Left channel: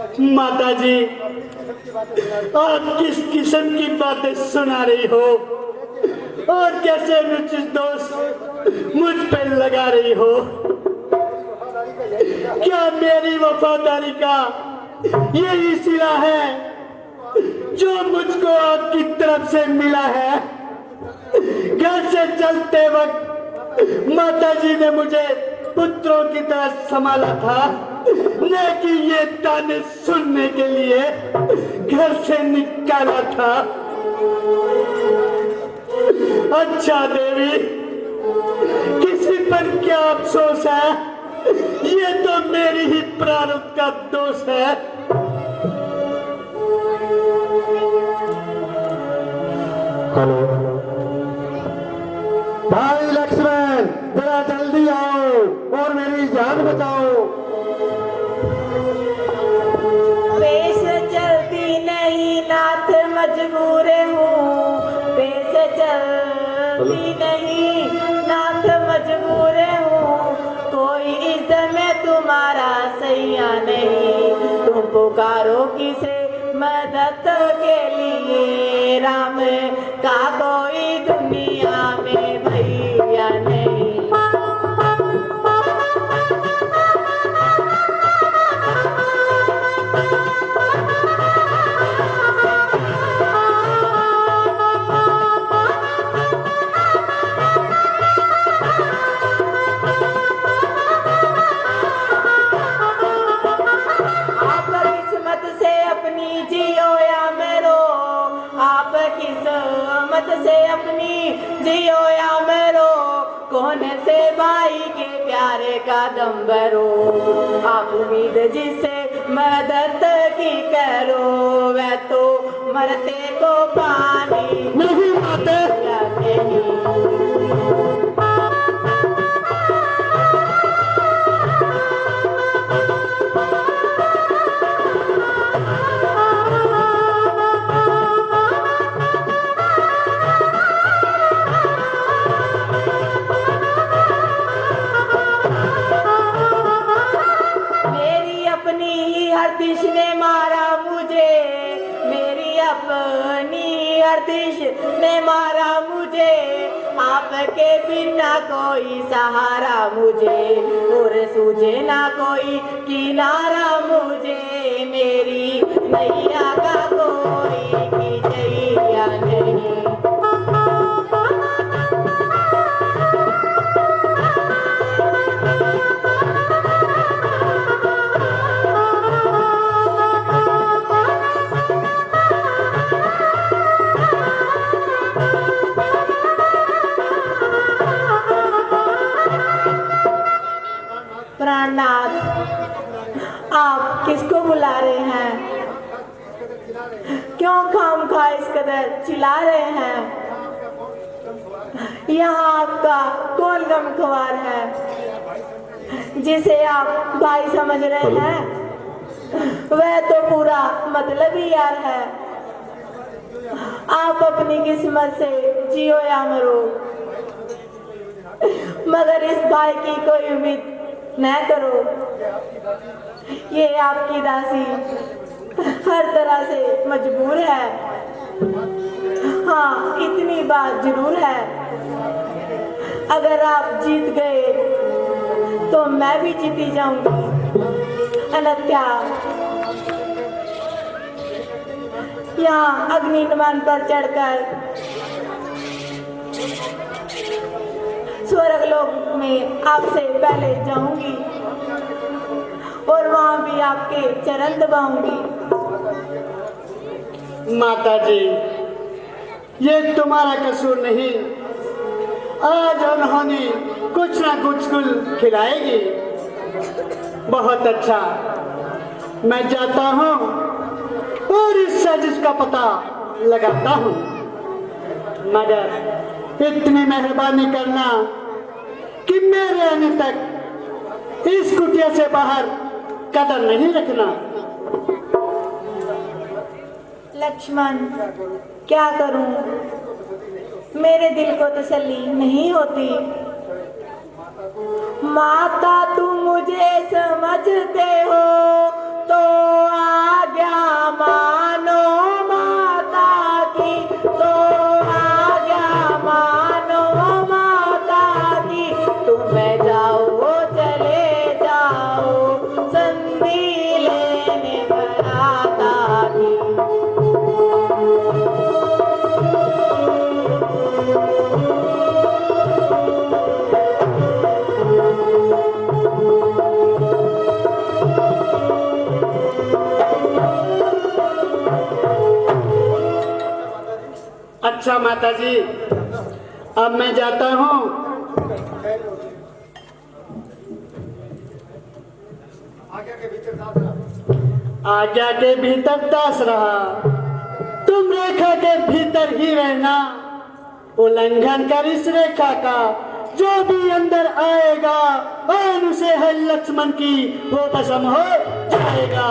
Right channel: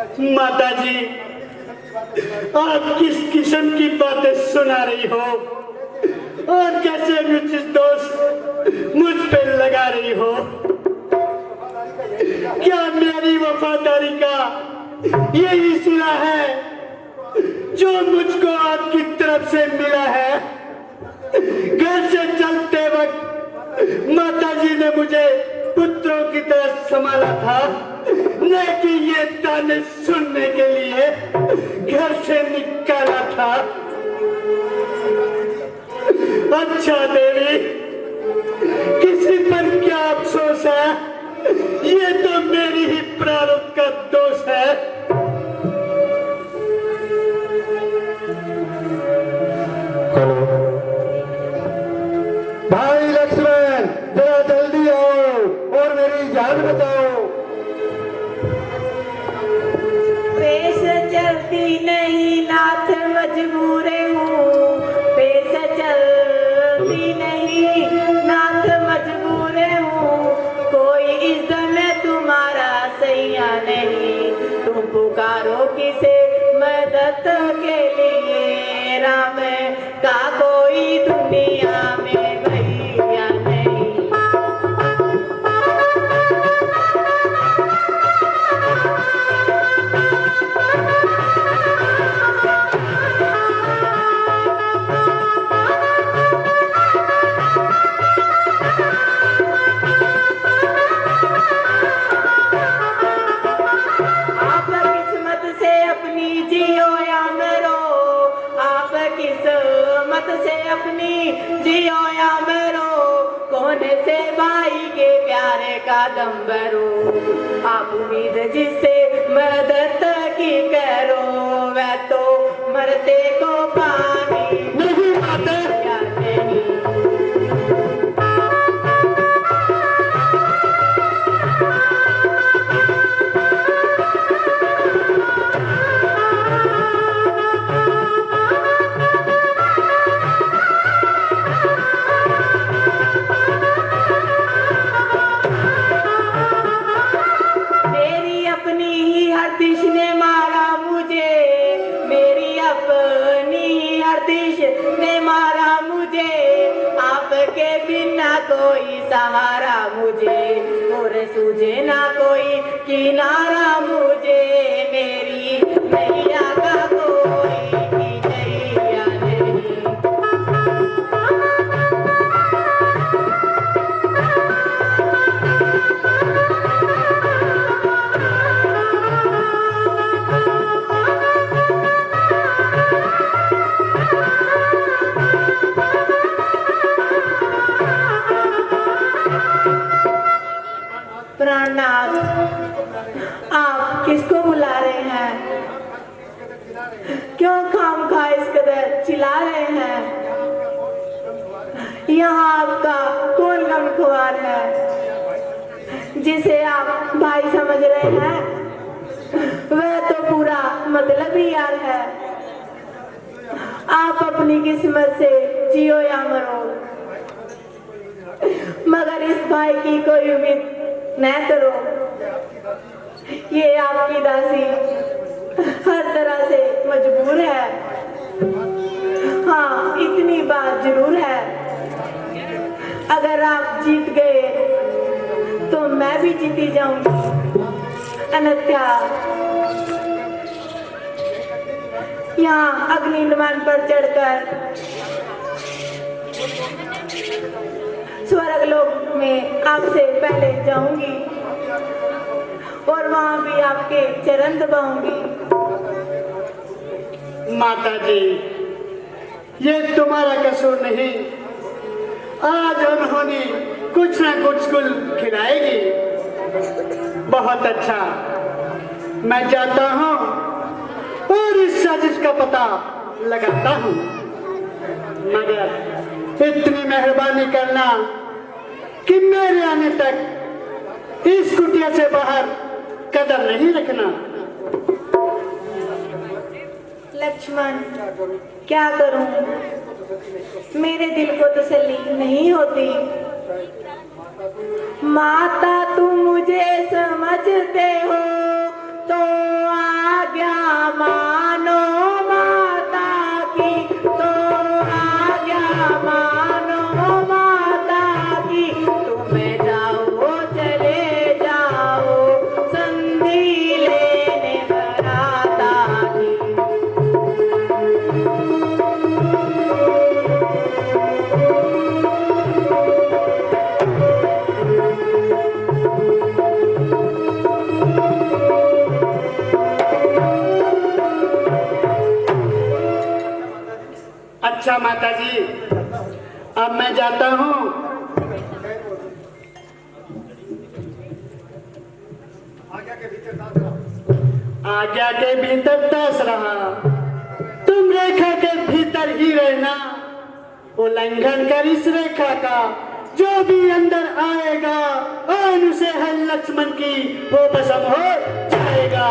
माता जी, आप किस किस्म की बातें सुना रही हो और कैसे रुचि दोष मुझ पर लगा रही हो? क्या मेरी वफादारी का यही सिला है जो मुझको आपकी तरफ से मिला है? घर से चलते वक्त माता जी ने मुझे पुत्रों की तरह संभाला था, लेकिन ये ताने सुनने के लिए घर से निकाला था। अच्छा देवी, किसी पर क्या अफसोस है? ये तो मेरी ही प्रारब्ध का दोष है। हेलो भाई लक्ष्मण, जरा जल्दी आओ और मेरी जान बचाओ। पेश चलती नहीं नाथ, मजबूर हूँ। पेश चलती नहीं नाथ, मजबूर हूँ। कोई इस दम में तुम्हारा सैया नहीं। तुम पुकारो किसे मदद के लिए? राम का कोई दुनिया में भैया नहीं। आप किस्मत से अपनी जियो या मरो। आप किस्मत से अपनी जियो या मरो। कौन से भाई के प्यारे का दम भरो। आप उम्मीद जिसे मदद की करो, वह तो मरते को पानी नहीं माता, या नहीं। मेरी अपनी ही हरदिश ने मारा मुझे। मेरी अपनी ही हरदिश ने मारा मुझे। आपके बिना कोई सहारा मुझे, और सूझे ना कोई किनारा मुझे। मेरी मैया का कोई कीजैया नहीं। प्राणनाथ, आप किसको बुला रहे हैं? क्यों खामखा इस कदर चिल्ला रहे हैं? यहाँ आपका कौन गमख्वार है जिसे आप भाई समझ रहे हैं? वह तो पूरा मतलब ही यार है। आप अपनी किस्मत से जियो या मरो, मगर इस भाई की कोई उम्मीद न करो। ये आपकी दासी हर तरह से मजबूर है। हाँ, इतनी बात जरूर है, अगर आप जीत गए तो मैं भी जीती जाऊंगी। अन्यथा यहाँ अग्नि नमन पर चढ़कर स्वर्ग लोक में आपसे पहले जाऊंगी और वहां भी आपके चरण दबाऊंगी। माता जी, ये तुम्हारा कसूर नहीं। आज उन्होंने कुछ ना कुछ गुल खिलाएगी। बहुत अच्छा, मैं जाता हूँ और इस साजिश का पता लगाता हूँ, मगर इतनी मेहरबानी करना कि मेरे आने तक इस कुटिया से बाहर कदम नहीं रखना। लक्ष्मण, क्या करूं? मेरे दिल को तसल्ली नहीं होती। माता तुम मुझे समझते हो तो जी, अब मैं जाता हूँ। आज्ञा के भीतर दास रहा, तुम रेखा के भीतर ही रहना। उल्लंघन कर इस रेखा का जो भी अंदर आएगा, आन उसे है लक्ष्मण की वो भस्म हो जाएगा।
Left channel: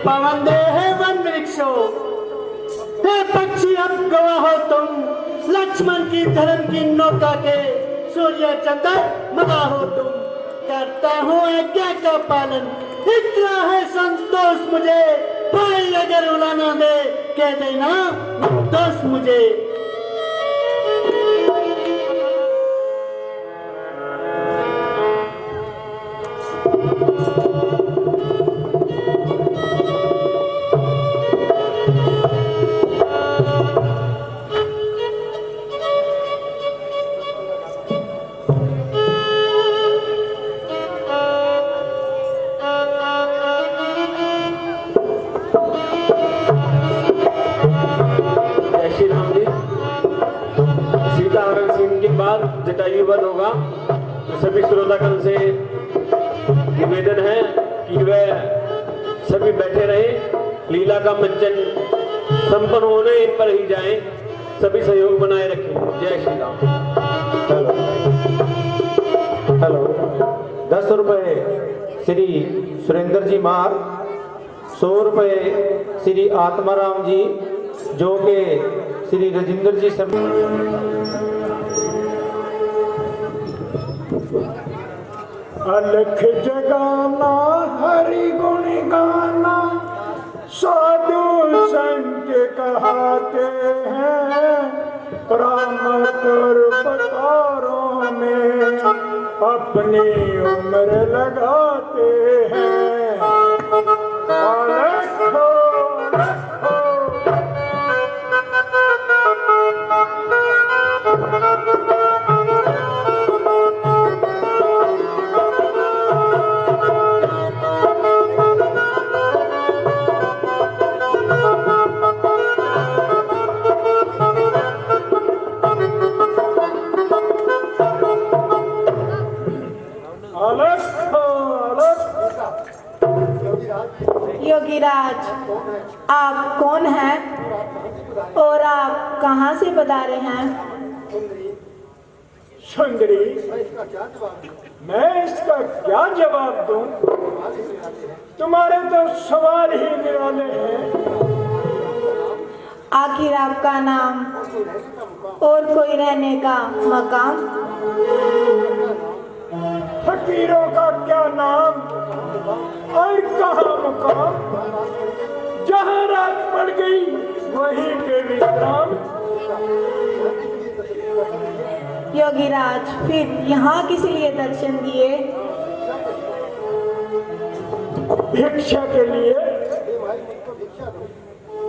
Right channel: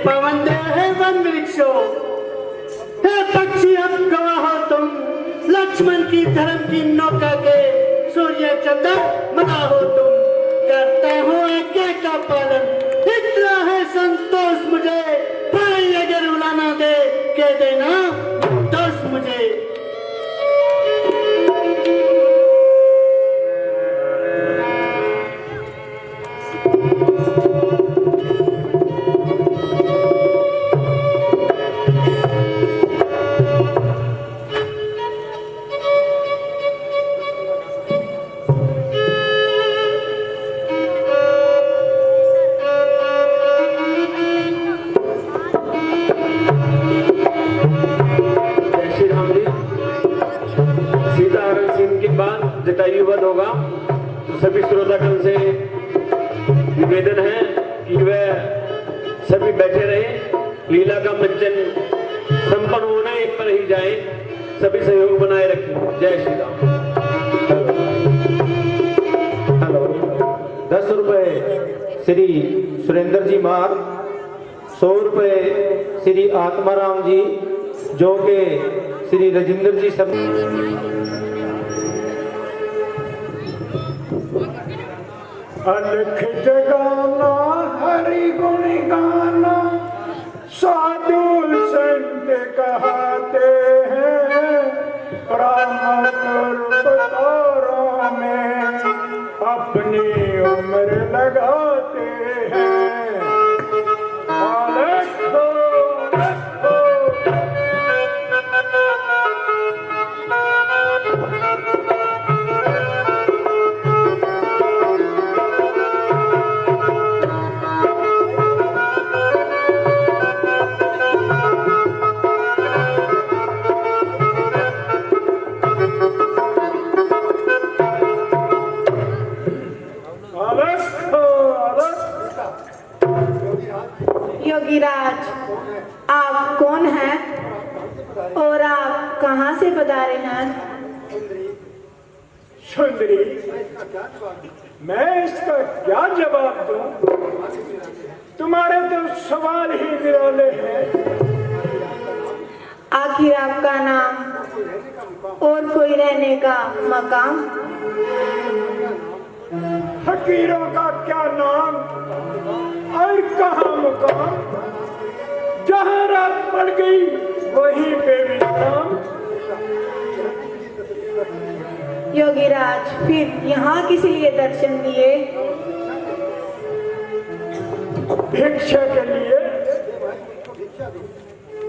पवन दे है वन वृक्षो, हे पक्षी अब गवाह हो तुम, लक्ष्मण की धर्म की नौका के सूर्य चंद्र मना हो तुम। करता हूँ आज्ञा का पालन, इतना है संतोष मुझे। भाई अगर उड़ाना दे कह देना दोस्त मुझे। जटायुवध होगा तो सभी श्रोतागण से निवेदन है कि वह सभी बैठे रहे। लीला का मंचन संपन्न होने पर ही जाए, सभी सहयोग बनाए रखें। जय श्री राम। हेलो, 10 रुपए श्री सुरेंद्र जी मार, 100 रुपए श्री आत्माराम जी, जो के श्री राजेंद्र जी सब। अलख जगाना हरि गुण गाना, साधु संत कहते हैं, राम परों में अपनी उम्र लगाते हैं। अलख हो, योगीराज, आप कौन हैं और आप कहां से पधारे हैं? सुंदरी, मैं इसका क्या जवाब दूं? तुम्हारे तो सवाल ही निराले हैं। आखिर आपका नाम और कोई रहने का मकाम? फकीरों का क्या नाम और कहाँ मुकाम, जहाँ रात पड़ गई वहीं पे विश्राम। योगीराज, फिर यहाँ किस लिए दर्शन दिए? भिक्षा के लिए।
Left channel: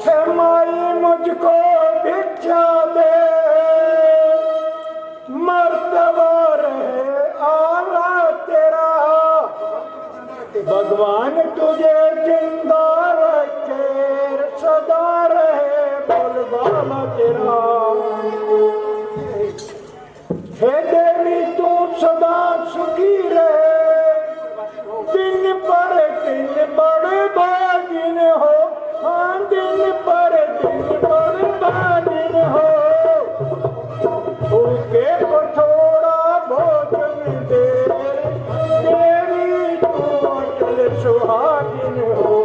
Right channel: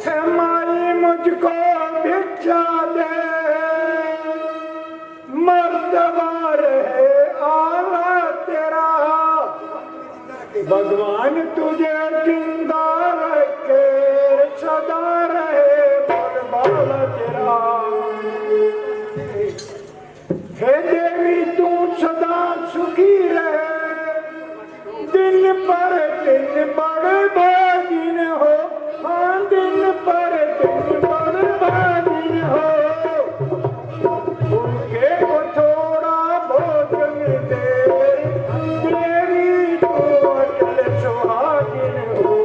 हे माई मुझको भिक्षा दे, मर्तबा रहे आला तेरा, भगवान तुझे जिंदा रखे, सदा रहे बलवाना तेरा। हे देवी तू सदा सुखी रहे, दिन पर दिन बड़े भागिन हो, हाँ दिन पर दिन बड़े भागिन हो। भूखे को थोड़ा भोजन दे, देवी तू अटल सुहागिन हो।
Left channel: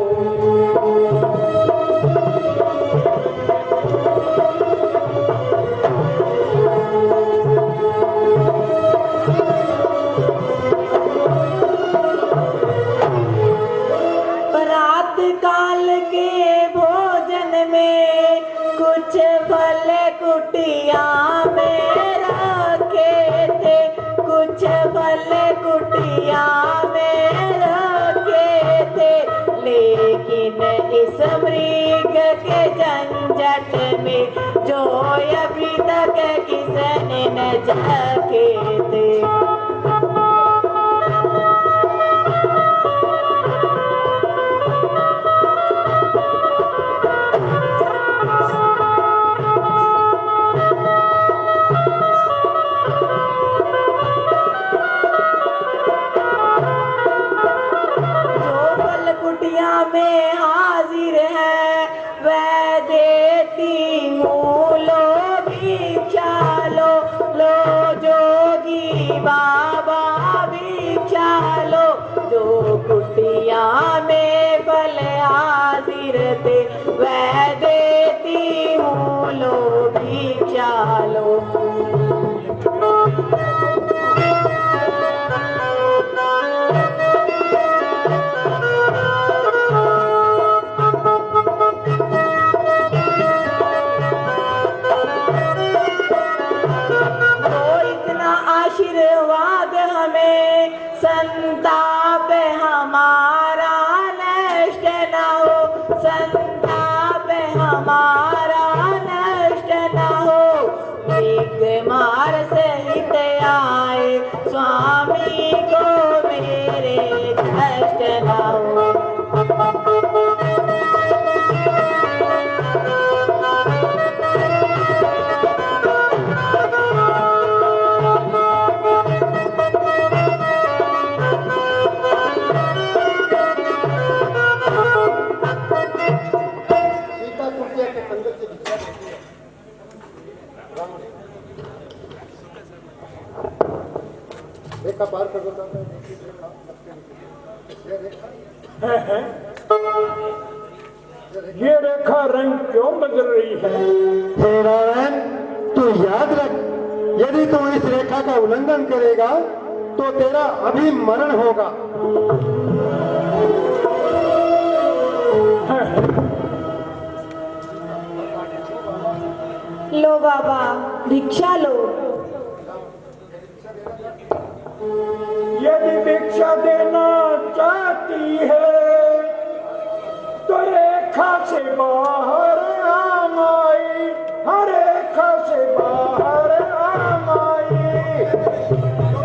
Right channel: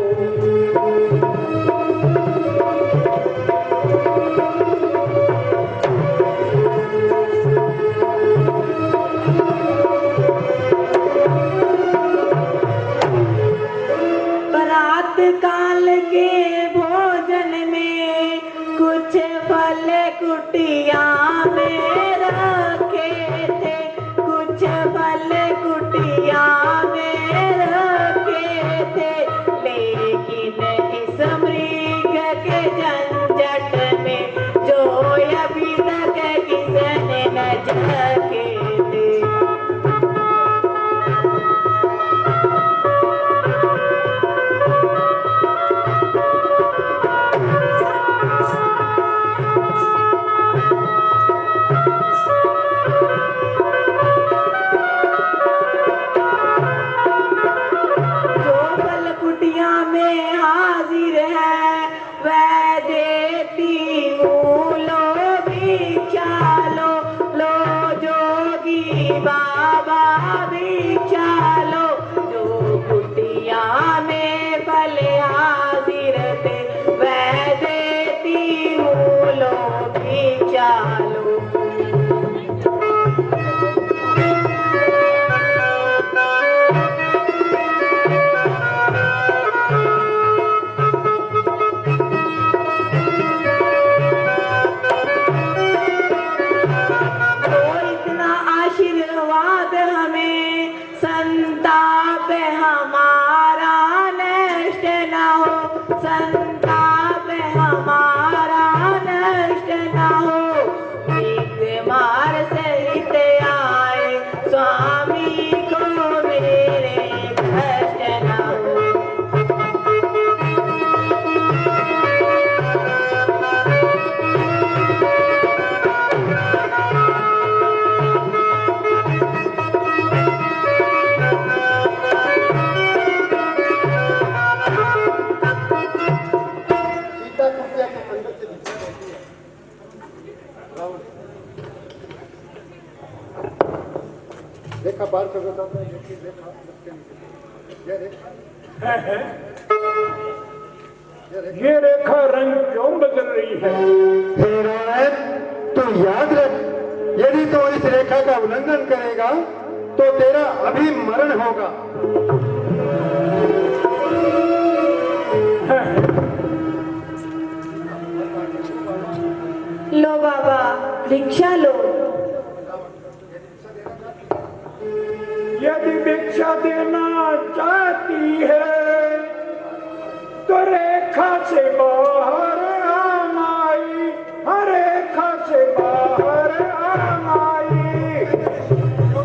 हमें संताप हमारा नष्ट न हो, संताप हमारा नष्ट न हो। भीख मार सहित आए स्वामी को मेरे कष्ट न हो। सीता कुटिया के अंदर से भिक्षा देती है। देखा बाहर कर देता था, ये देखा ये रेखा रंग क्यों बदल रही है? हे नारायण, तू याद रख, यदि तू इस रेखा का उल्लंघन करेगा तो तेरा अभी मरण होगा। लो बाबा भिक्षा लो। यदि भिक्षा देना चाहती है तो रेखा से बाहर आम आई, हर रेखा से बाहर आम आई।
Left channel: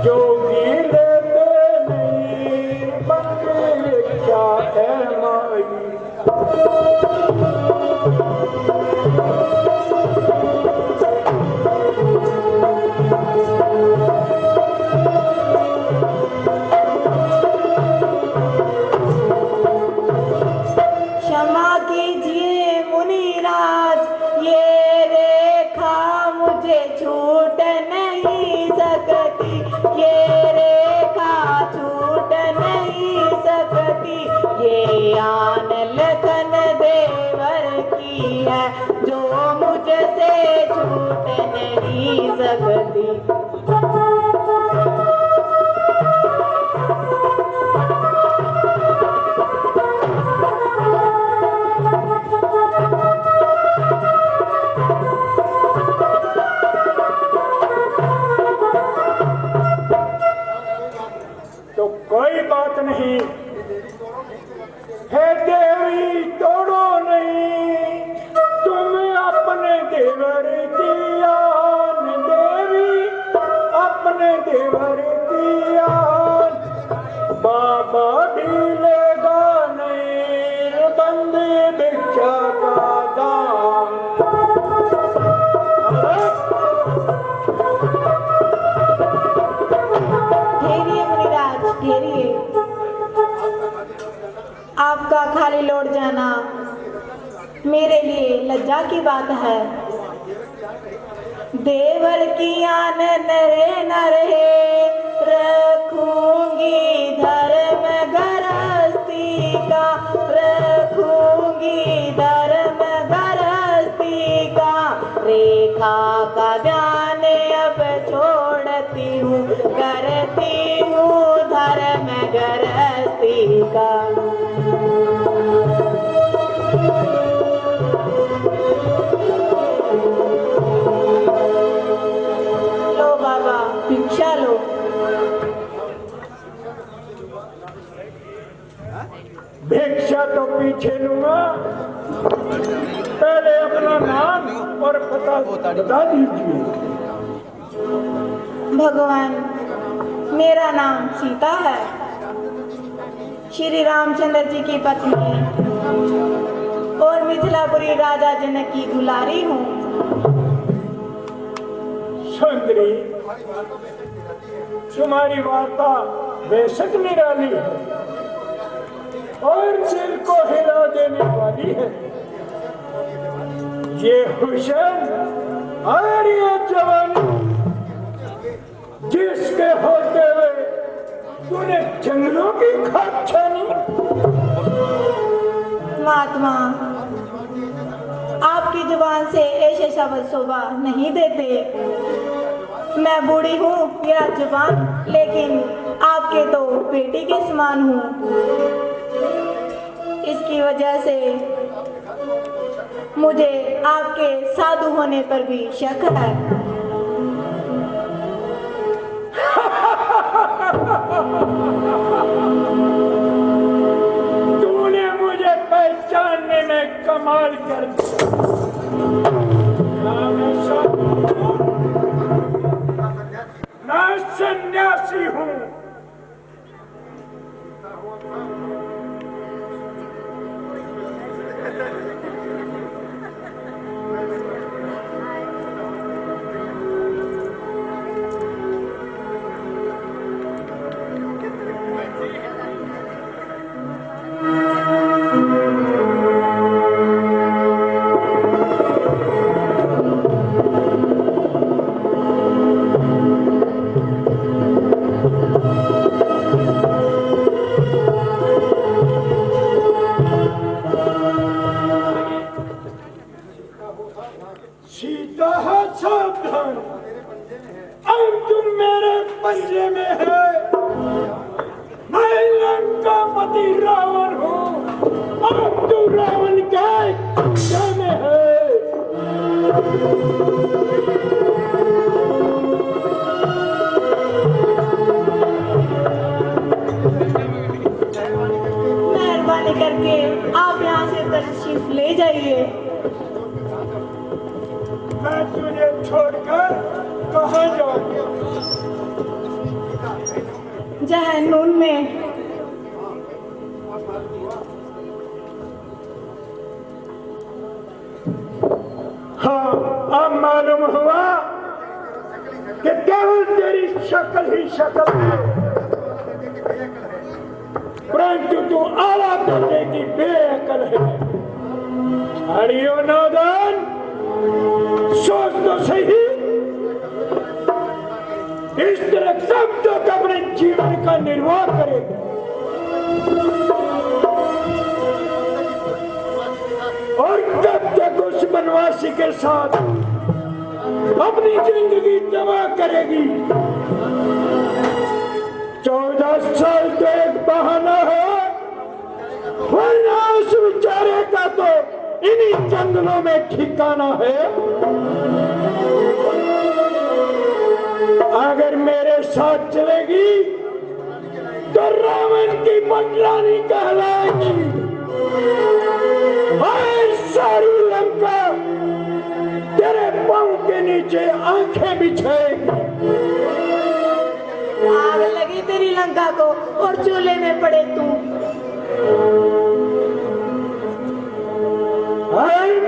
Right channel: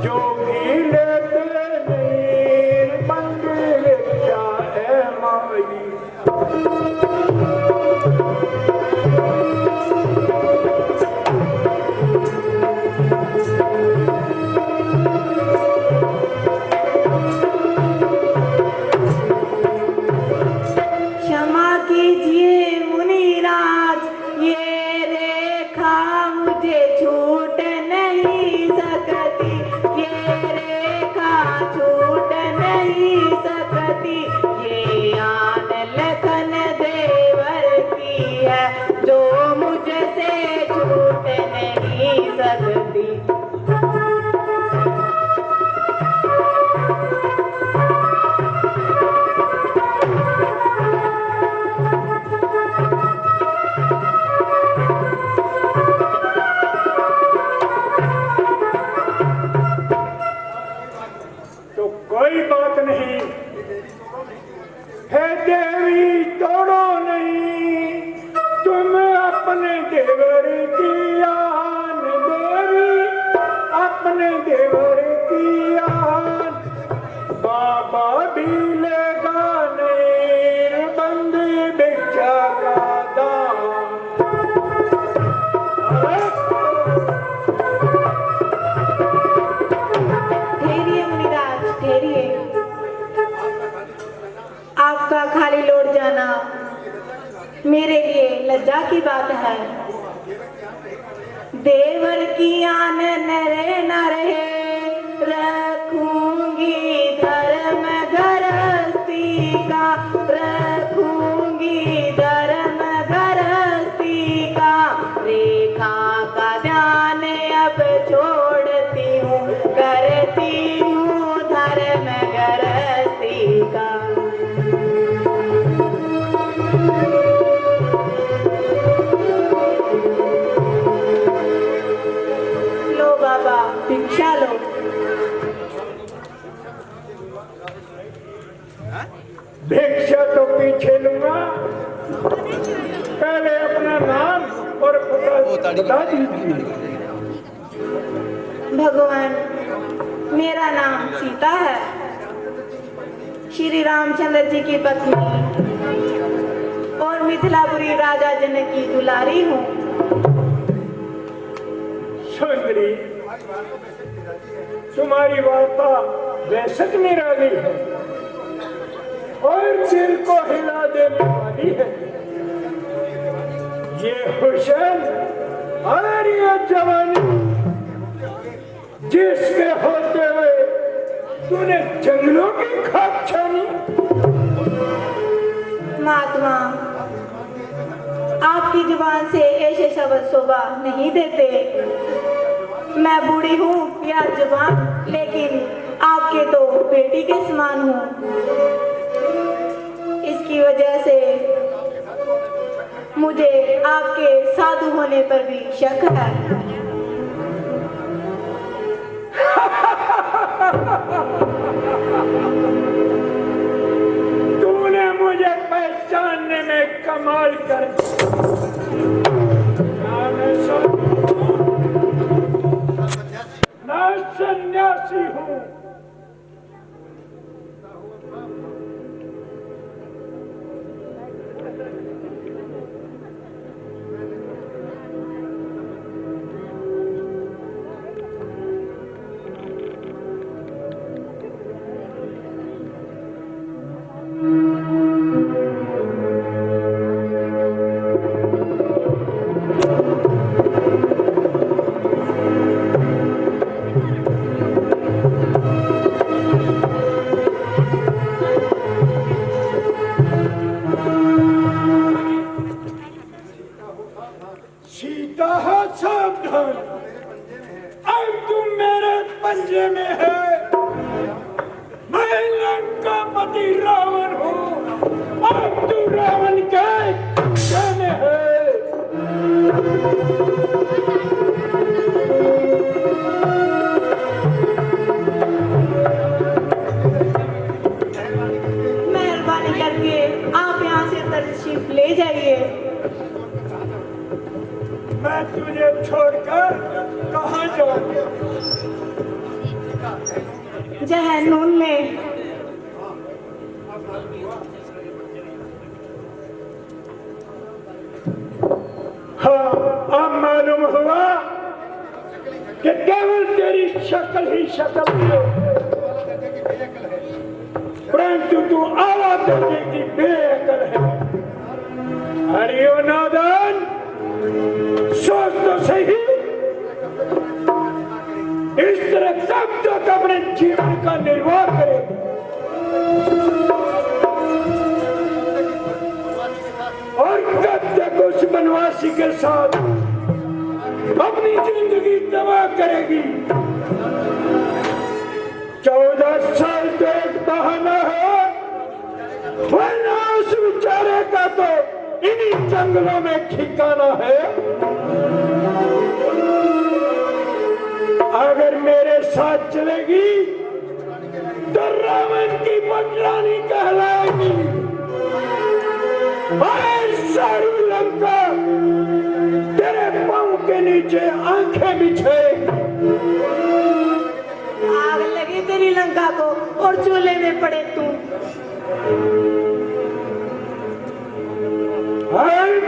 जोगी लेते नहीं बंदी भिक्षा है माई। क्षमा कीजिए मुनिराज, ये रेखा मुझे छूट नहीं सकती, ये रेखा छूट नहीं सकती। ये आन लखन देवर की है जो मुझसे छूट नहीं सकती। तो कोई बात नहीं है देवी, तोड़ो नहीं तुम अपने देवर की आन। देवी अपने देवर की आन। बाबा भी लेगा नहीं बंदी भिक्षा का दाम। ठहरिए मुनिराज ठहरिए, आपका खाली लौट जाना मेरे लिए लज्जा की बात है। देवर की आन नरे न रहे, रखूंगी धर्म गृहस्थी का, रखूंगी धर्म गृहस्थी का। रेखा का ध्यान अब छोड़ती हूँ, करती हूँ धर्म गृहस्थी का। लो बाबा भिक्षा लो। भिक्षा तो पीछे लूंगा, पहले अपना नाम और पता बता दीजिए। भगवान मेरा नाम सीता है, श्री रामचंद्र जी की पत्नी और मिथिलापुरी राजा जनक की दुलारी हूँ। सुंदरी, तुम्हारी वार्ता बेशक निराली है और दिल को हिला देने वाली है। ये हुसैन और ये जवानी जिसके होते हुए तूने जंगलों की खाक छानी। महात्मा आपकी जुबान से ऐसे शब्द शोभा नहीं देते। मैं बूढ़ी हूँ या जुबान, लेकिन आपके तो बेटी के समान हूँ। इसकी वजह से मुझे आपके साधु होने पर भी शक है। सीता है सावधान, अब तुम मेरे पंजे में है। मैं लंका पति रावण हूँ, अब तू रावण के पंजे में है। मेहरबानी करके आप यहाँ से तशरीफ ले जाइए। मैं तुझे छोड़कर कहाँ जाऊँ? जहन्नुम में। हाँ, अब मालूम हुआ कि केवल तेरी शक्ल ही शक्ल है, परंतु तू आला दर्जे की बेअकल है। हरियो नादान, सोच तो सही, इस तरह कब तक अपने जीवन का निर्वाह करेगा? और कब तक उस बनवासी के साथ अपनी जिंदगी तबाह करेगी? 14 साल तो एक बहाना है, वरना उस बेचारे का तो इन्हीं जंगलों में ठिकाना है। अगर मेरे साथ चलेगी तो रावण की पटरानी कहलाएगी और सारी लंका तेरे पांव के नीचे आंखें बिछाएगी। आग लगी तेरी लंका को और चूल्हे में पड़े तू।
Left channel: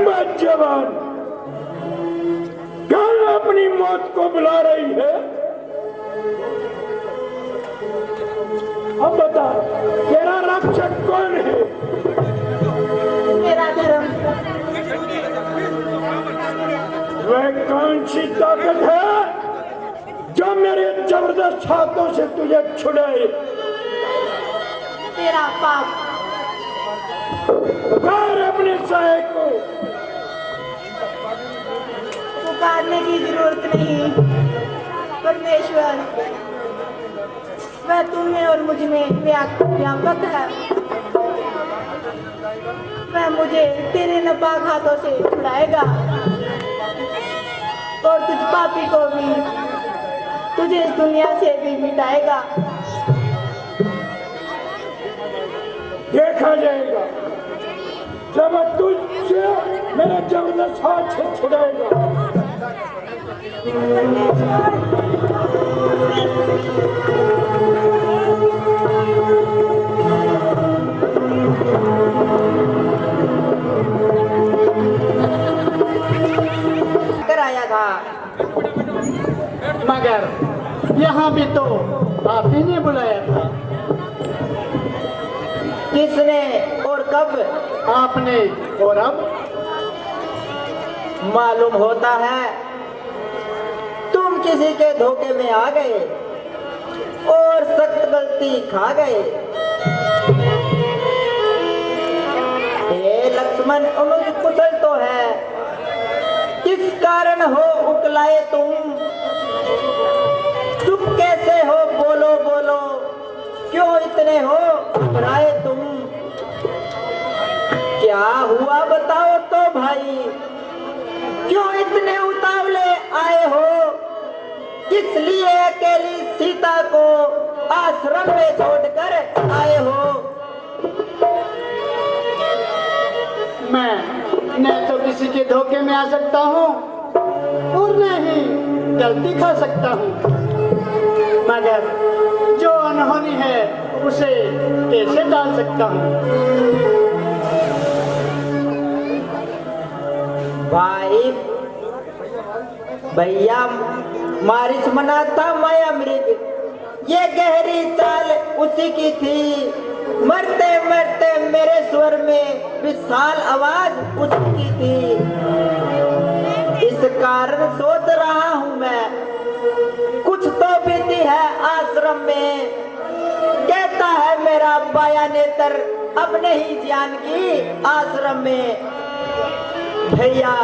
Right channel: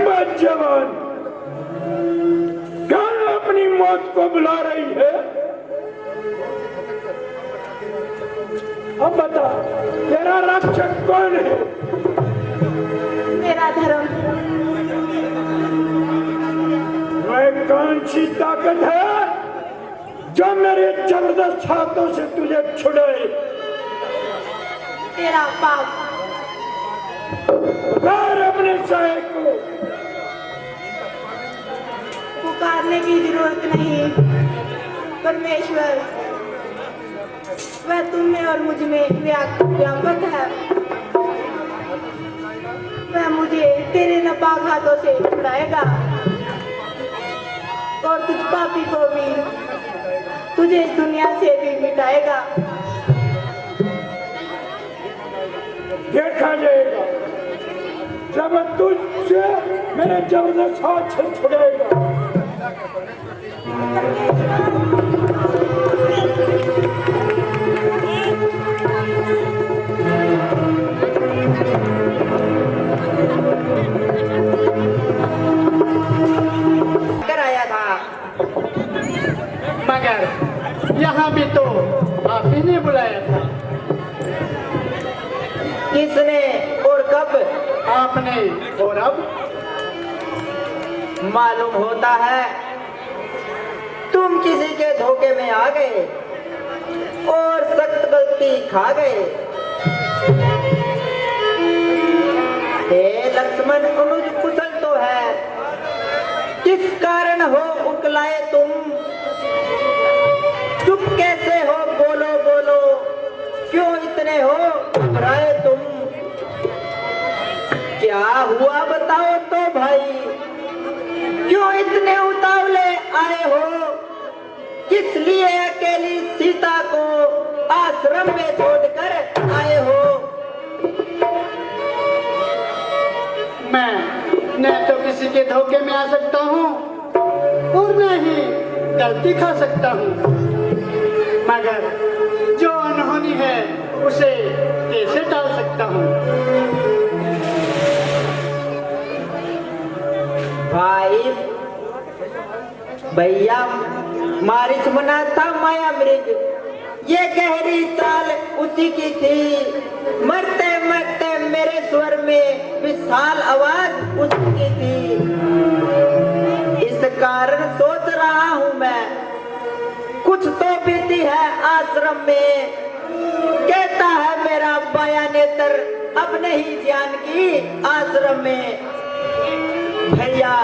मत जवान, कौन अपनी मौत को बुला रही है? अब बता, तेरा रक्षक कौन है? मेरा धर्म। वह कौन सी ताकत है जो मेरे जबरदस्त हाथों से तुझे छुड़ाए? तेरा पाप। पुकार अपने साय को। पुकारने की जरूरत नहीं परमेश्वर, वह तुम में और मुझ में व्यापक है। वह मुझे तेरे नापाक हाथों से छुड़ाएगा और तुझ पापी को भी, तुझे इस दुनिया से भी मिटाएगा। देखा जाएगा जब तुझसे मेरे जबरदस्त हाथ से छुड़ाएगा। कराया था, मगर यहाँ भी तो आप ही ने बुलाया था। किसने और कब? आपने। और अब मालूम होता है तुम किसी के धोखे में आ गए और सख्त गलती खा गए। हे लक्ष्मण, कुशल तो है, किस कारण हो उकलाए तुम? चुप कैसे हो? बोलो बोलो, क्यों इतने हो घबराए तुम? क्या हुआ बताओ तो भाई, क्यों इतने उतावले आए हो? किस लिए अकेली सीता को आश्रम में छोड़कर आए हो? मैं न तो किसी के धोखे में आ सकता हूँ और न ही गलती खा सकता हूँ, मगर सकता हूँ। भाई भैया मारिच मनाता माया मृग, ये गहरी चाल उसी की थी। मरते मरते मेरे स्वर में विशाल आवाज उसी की थी। इस कारण सोच रहा हूँ मैं, कुछ तो बीती है आश्रम में। कहता है मेरा बाया नेत्र अब नहीं जानकी आश्रम में। भैया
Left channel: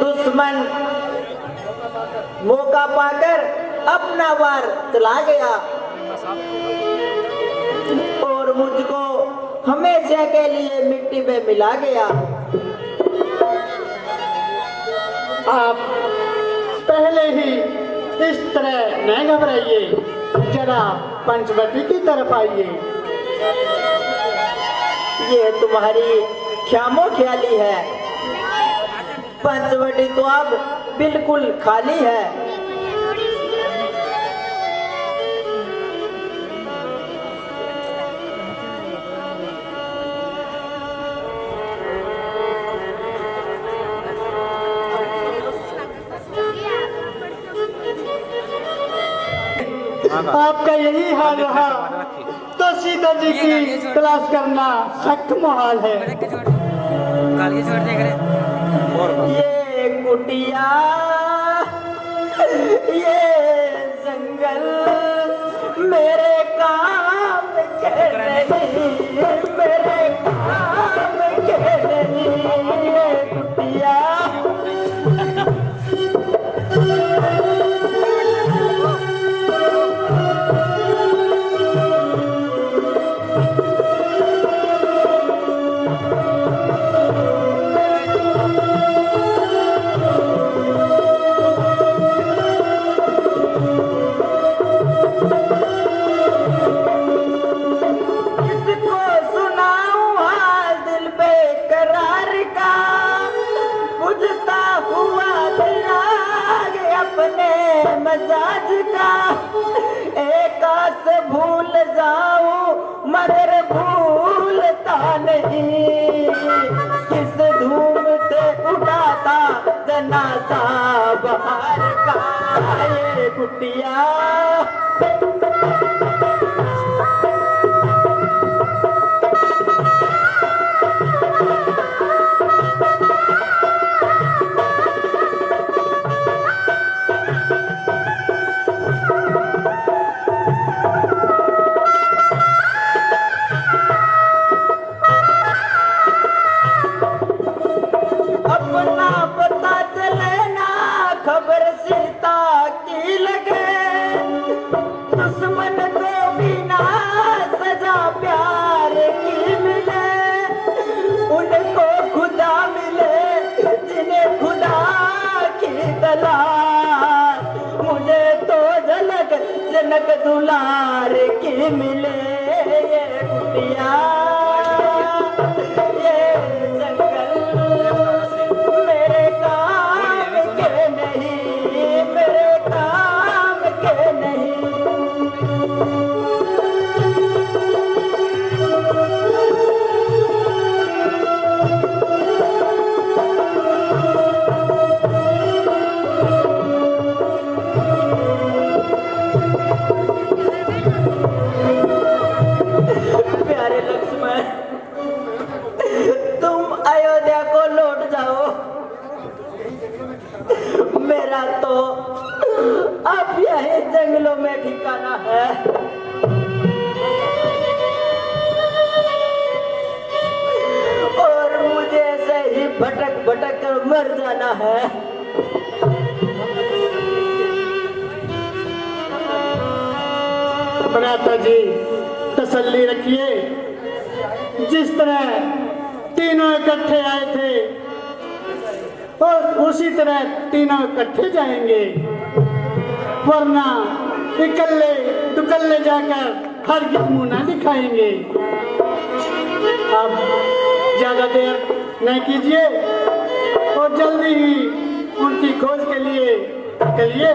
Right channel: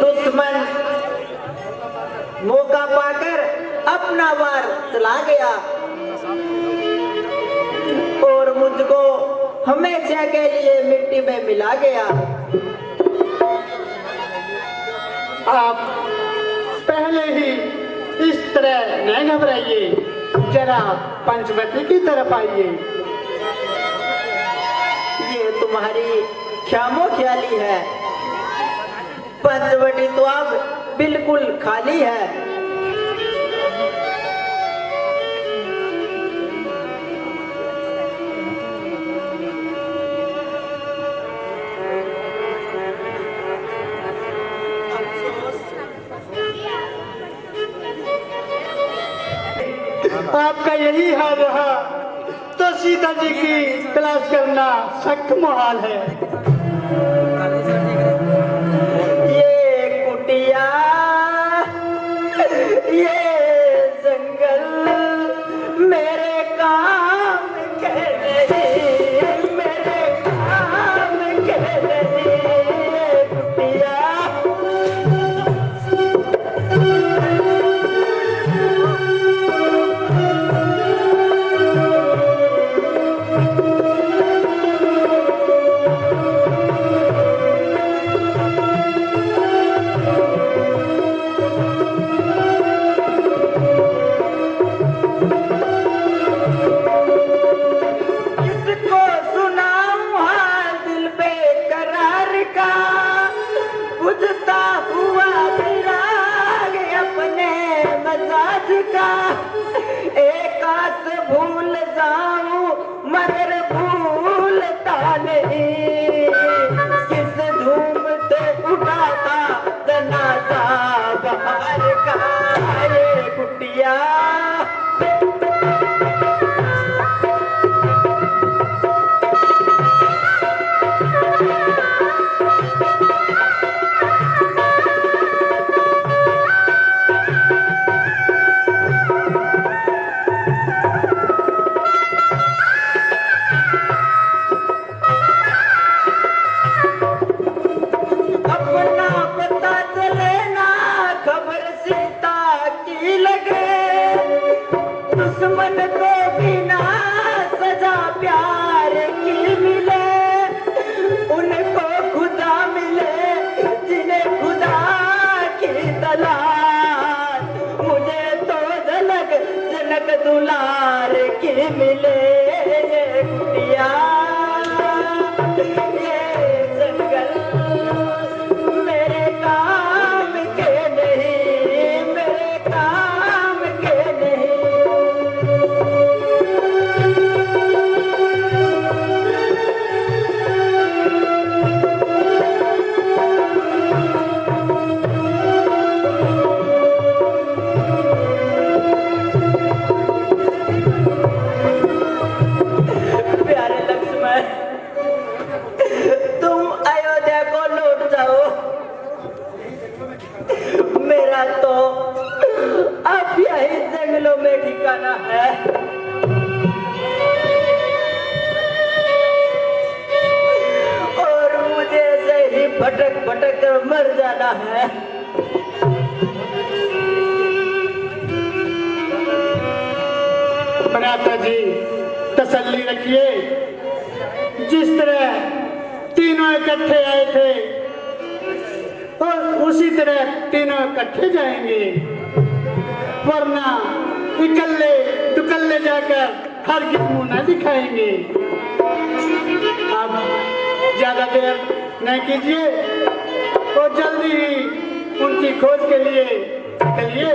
दुश्मन मौका पाकर अपना वार चला गया और मुझको हमेशा के लिए मिट्टी में मिला गया। आप पहले ही इस तरह न घबराइए, जरा पंचवटी की तरफ आइए। ये तुम्हारी ख्यामो ख्याली है, पंचवटी तो अब बिल्कुल खाली है। आपका यही हाल रहा तो सीता जी की तलाश करना सख्त मुहाल है। ये कुटिया, ये जंगल मेरे काम के नहीं, मेरे काम के नहीं। ये कुटिया मजाज का एकास भूल जाऊं मगर भूलता नहीं। किस धूम से उठा था जनाजा बाहर का। ये कुटिया अपना पता चले ना, खबर सीता की लगे। दुश्मन को बिना सजा प्यार की मिले, उनको खुदा मिले जिन्हें खुदा की तलाश। मुझे तो झलक जनक दुलार की मिले। ये कुटिया ये जंगल मेरे काम के नहीं, मेरे काम के नहीं। प्यारे लक्ष्मण, तुम अयोध्या को लौट जाओ। मेरा तो अब यही जंगलों में ठिकाना है। और मुझे ऐसे ही भटक भटक कर मर जाना है। भ्राता जी तसल्ली रखिए, जिस तरह तीनों इकट्ठे आए थे और उसी तरह तीनों इकट्ठे जाएंगे, वरना इकल्ले दुकल्ले जाकर हरगिज मुंह न दिखाएंगे। अब ज्यादा देर नहीं कीजिए और जल्दी ही उनकी खोज के लिए निकलिए।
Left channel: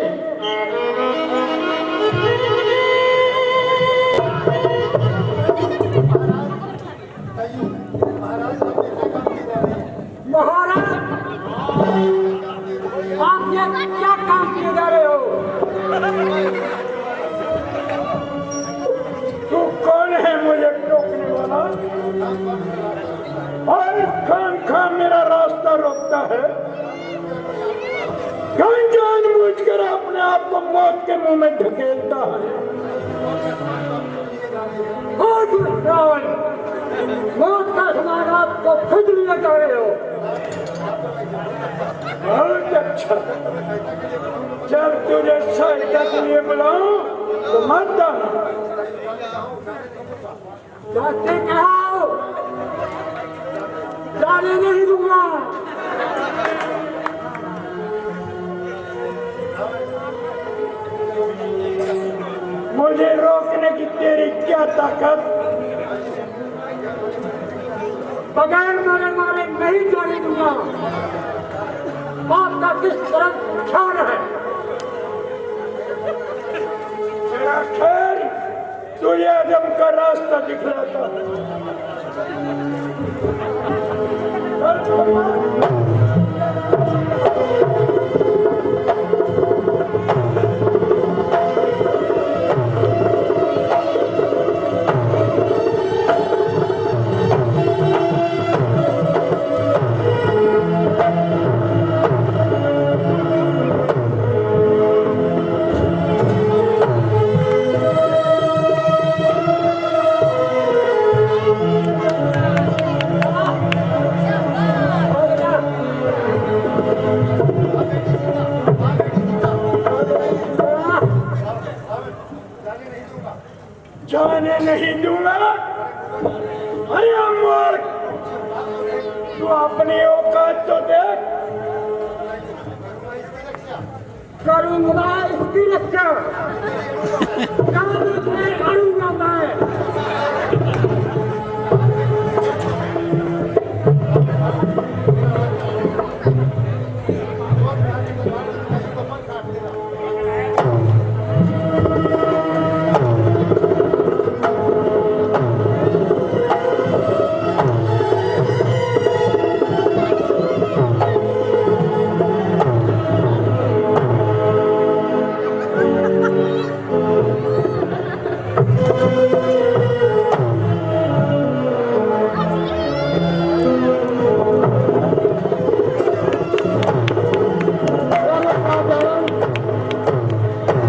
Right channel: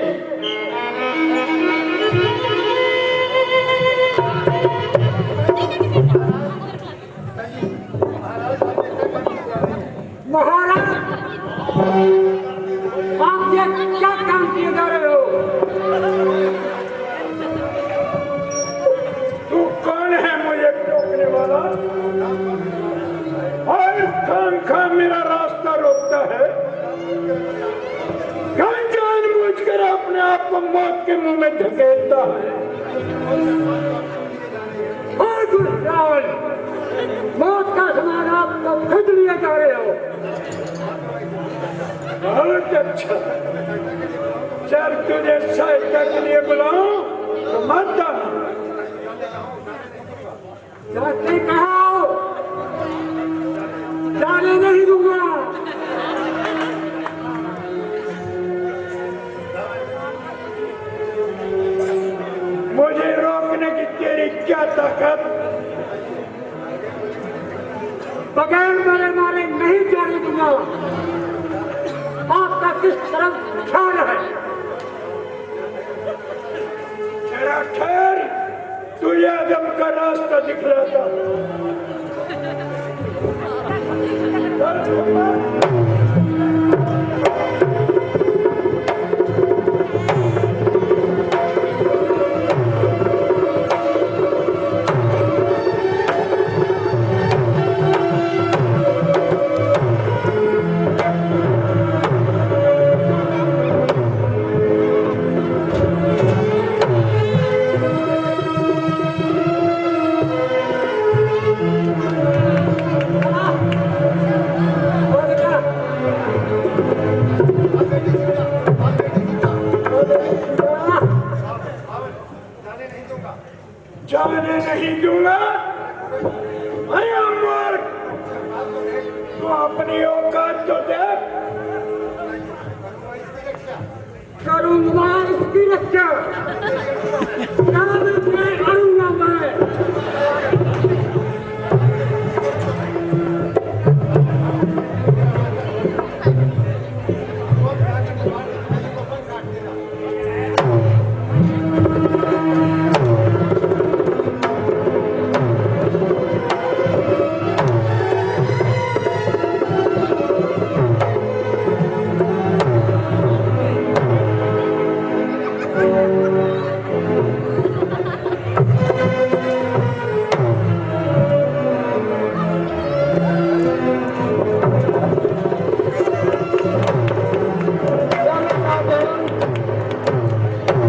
आपके मुंह में धकेलता है। रावण, मौत का समान आपको खुद लिया जा रहे हो। बहुत अच्छा, जब तुझे सहायता के लिए बुलाऊं तो मत आना। जाते कहो, जाने नहीं दूंगा। मुझे रोकने की तेरी क्या ताकत? बगैर बोले मारे नहीं जाने दूंगा। आपका किस तरह ख्याल है? तेरा खैर तुझे आदम का रास्ता दिखलाता। जाने नहीं दूंगा। अरे अमर, तू अपनी औकात तो देख। करूंगा इसकी रक्षा। काम में अड़ूंगा मैं।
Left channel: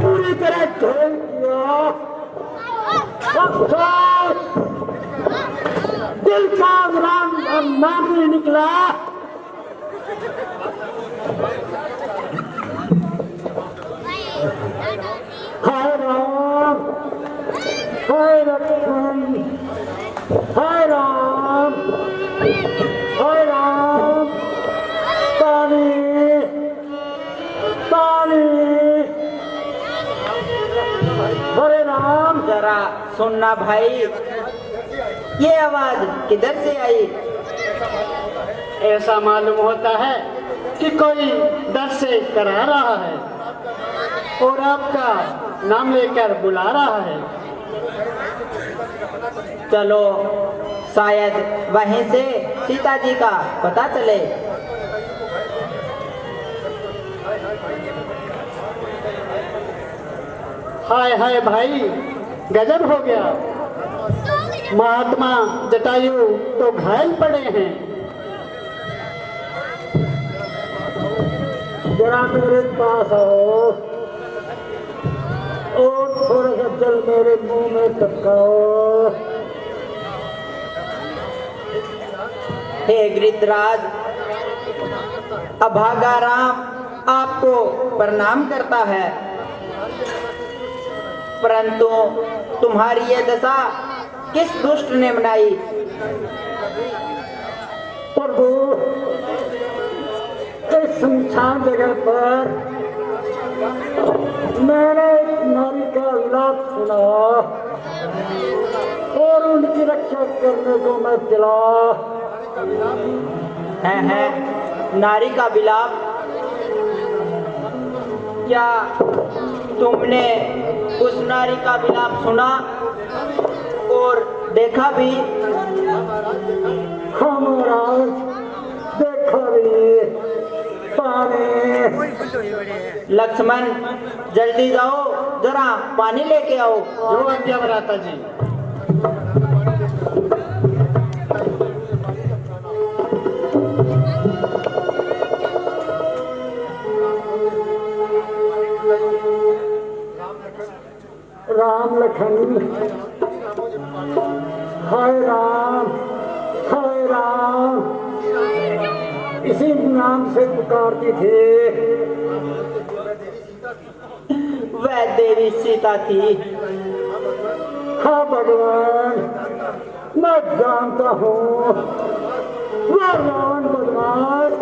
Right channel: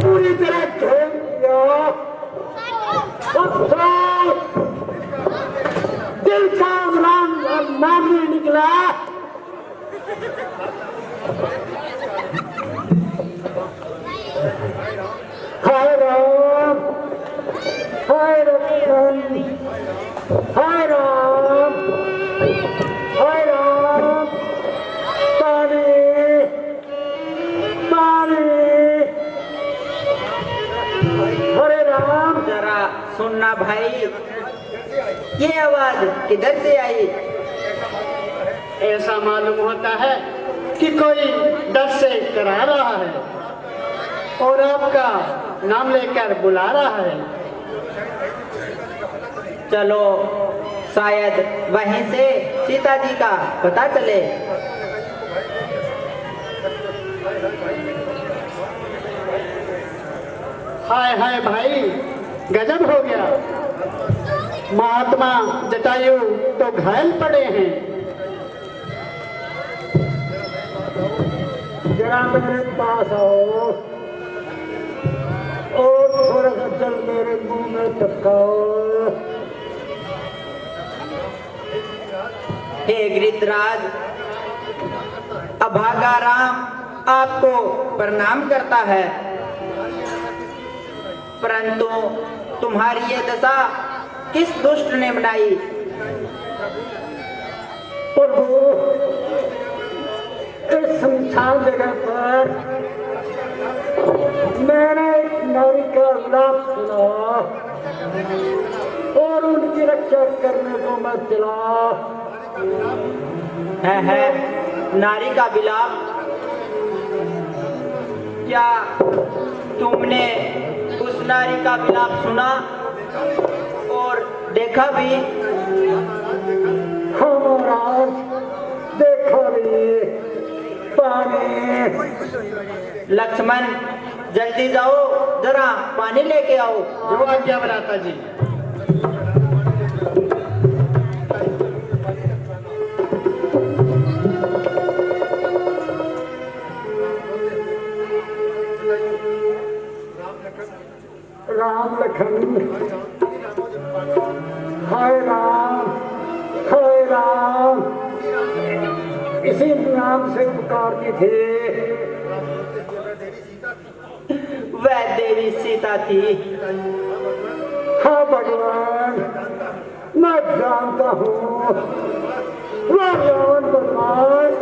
पूरी तरह झोल दिया। दिल का नाम भी निकला। हाय राम, हाय लक्ष्मण, हाय राम, हाय राम। पानी, पानी। हरे राम। जरा सुनना भाई, ये आवाज किधर से आई? ऐसा मालूम होता है कि कोई डर से करा रहा है और आपका नाम लेकर बुला रहा है। चलो शायद वहीं से सीता जी का पता चले। हाय हाय भाई, गजब हो गया। महात्मा जटायु तो घायल पड़े हैं। जरा मेरे पास आओ और थोड़ा सा जल मेरे मुंह में टपकाओ। हे गिरिधराज, अभागा राम आपको प्रणाम करता है, परंतु तुम्हारी ये दशा किस दुष्ट ने बनाई? प्रभु, इस सुनसान जगह पर मैंने एक नारी का विलाप सुना और उनकी रक्षा करने को मैं चला। है नारी का विलाप? क्या तुमने उस नारी का विलाप सुना और देखा भी? हाँ महाराज, देखो भी। पानी। लक्ष्मण, जल्दी जाओ, जरा पानी लेके आओ। जो आज्ञा भ्राता जी। राम लखन, हाय राम, हाय राम, इसी नाम से पुकारती थे। वह देवी सीता थी। हाँ भगवान, मैं जानता हूँ वह रावण बदमाश,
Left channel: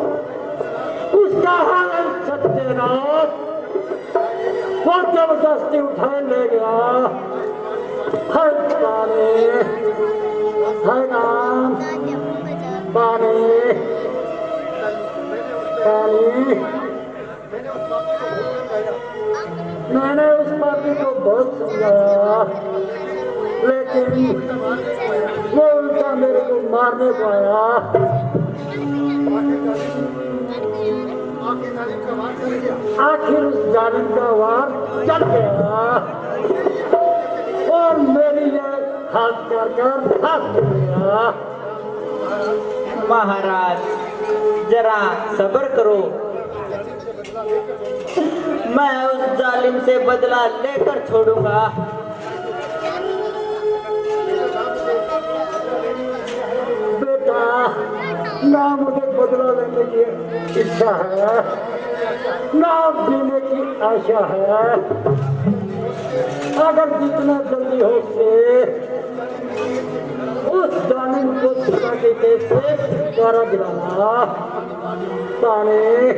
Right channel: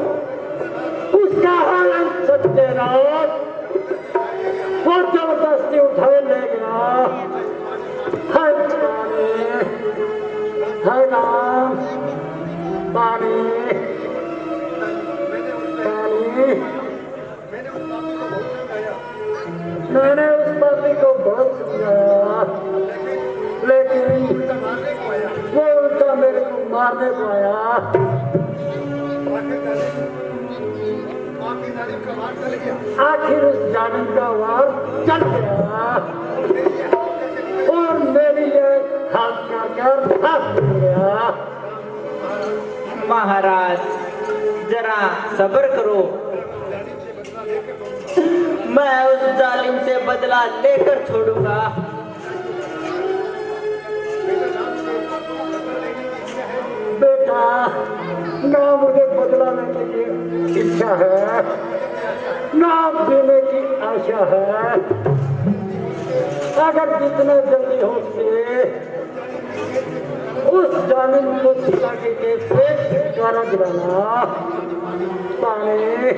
उसका हरण सत्यनाथ वो जबरदस्ती उठाए ले गया। हाय पानी, हाय राम, पानी, पानी। मैंने उस पापी को बहुत समझाया, लेकिन वो उल्टा मेरे को मारने को आया। आखिर उस जालिम का वार चल गया और मेरी ये हाथ कर हाथ गया। महाराज जरा सब्र करो, मैं उस जालिम से बदला लेकर छोड़ूंगा। बेटा, ना मुझे बदला लेने की इच्छा है, ना देने की आशा है। अगर जितना जल्दी हो सके उस जालिम को सीता के केस से द्वारा दिलाना। पानी,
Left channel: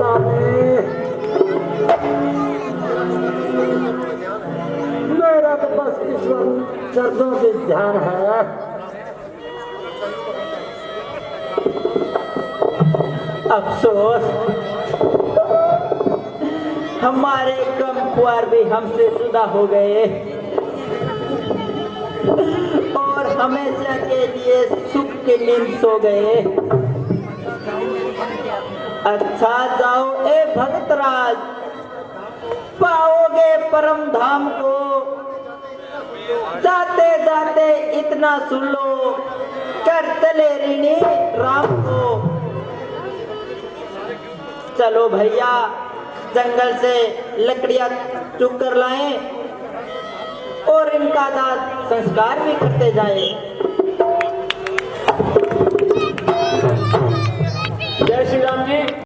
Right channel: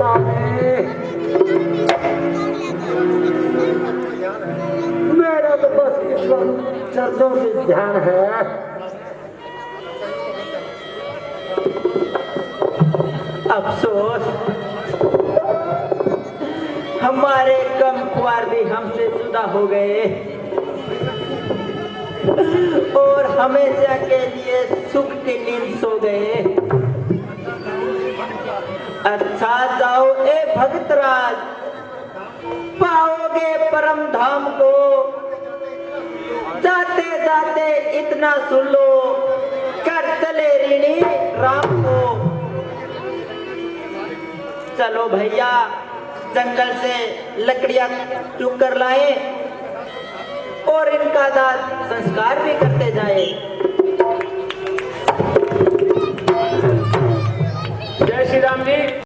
पानी, मेरा तो बस ईश्वर चरणों पे ध्यान है। अफसोस हमारे कम कुंवर भी हमसे जुदा हो गए और हमेशा के लिए सुख की नींद सो गए। अच्छा जाओ ए भगतराज, पाओगे परम धाम को। जाते जाते इतना सुन लो, कर चले ऋणी राम को। चलो भैया, जंगल से लकड़ियां चुग कर लाएं और इनका दाह संस्कार भी करते जाएं।